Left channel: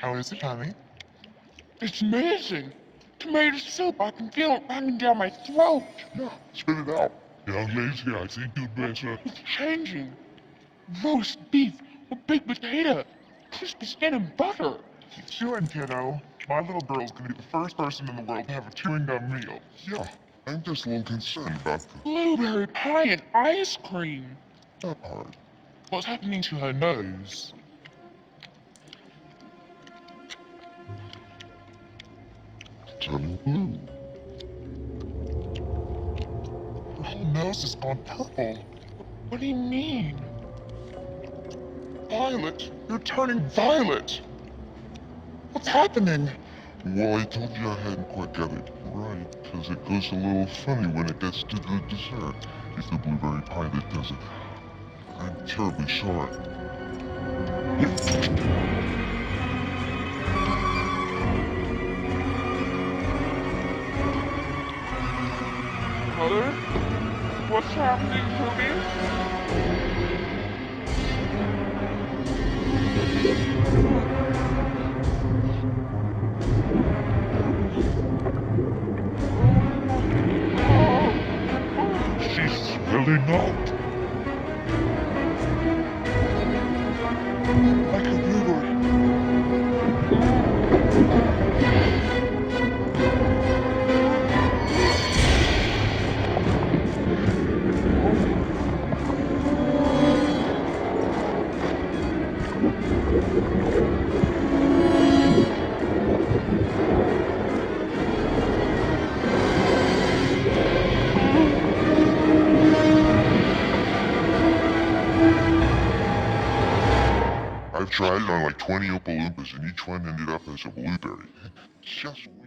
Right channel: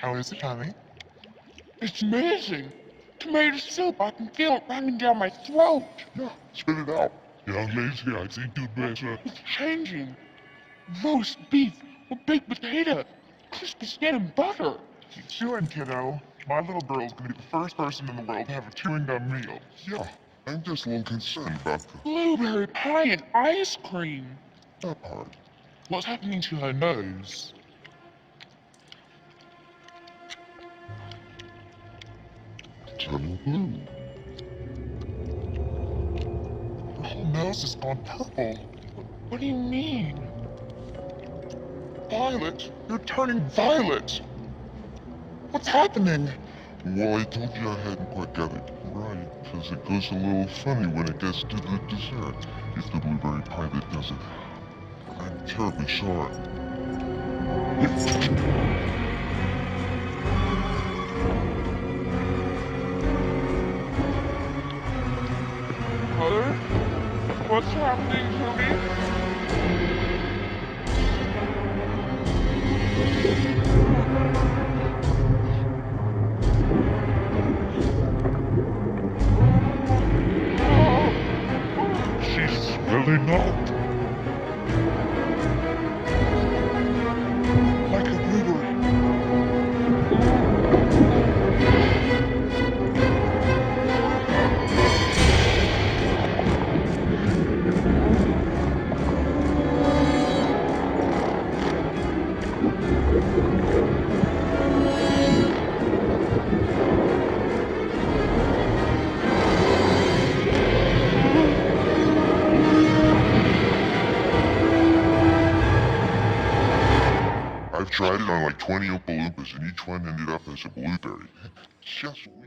How is it, honey? It's amazing. Tomato soup. I can feel it running down my throat. Yeah, spit it out. Yeah, amazing. I see two best changing. Roast beef with baked potato, crispy skin and butter. Keep chewing, kiddo. My little girl's gonna be the first person in the world to have a chewing gum meal. Yeah, I'm just a little concerned about the blueberry pie and ice cream. That part. What's happening to her nose? Turning blue. Her nose has gone purple. What do you mean? Violet, you're turning violet. What's happening? Well, I told you I hadn't quite got it right, because it goes a little funny when it gets to the dessert. It's the blueberry pie that does it. I'm terribly sorry. Mother? What's happening to me? She's really not. Like a river. I've tried it on like 20 Oompa Loompas, and each one ended up as a blueberry. It's just weird.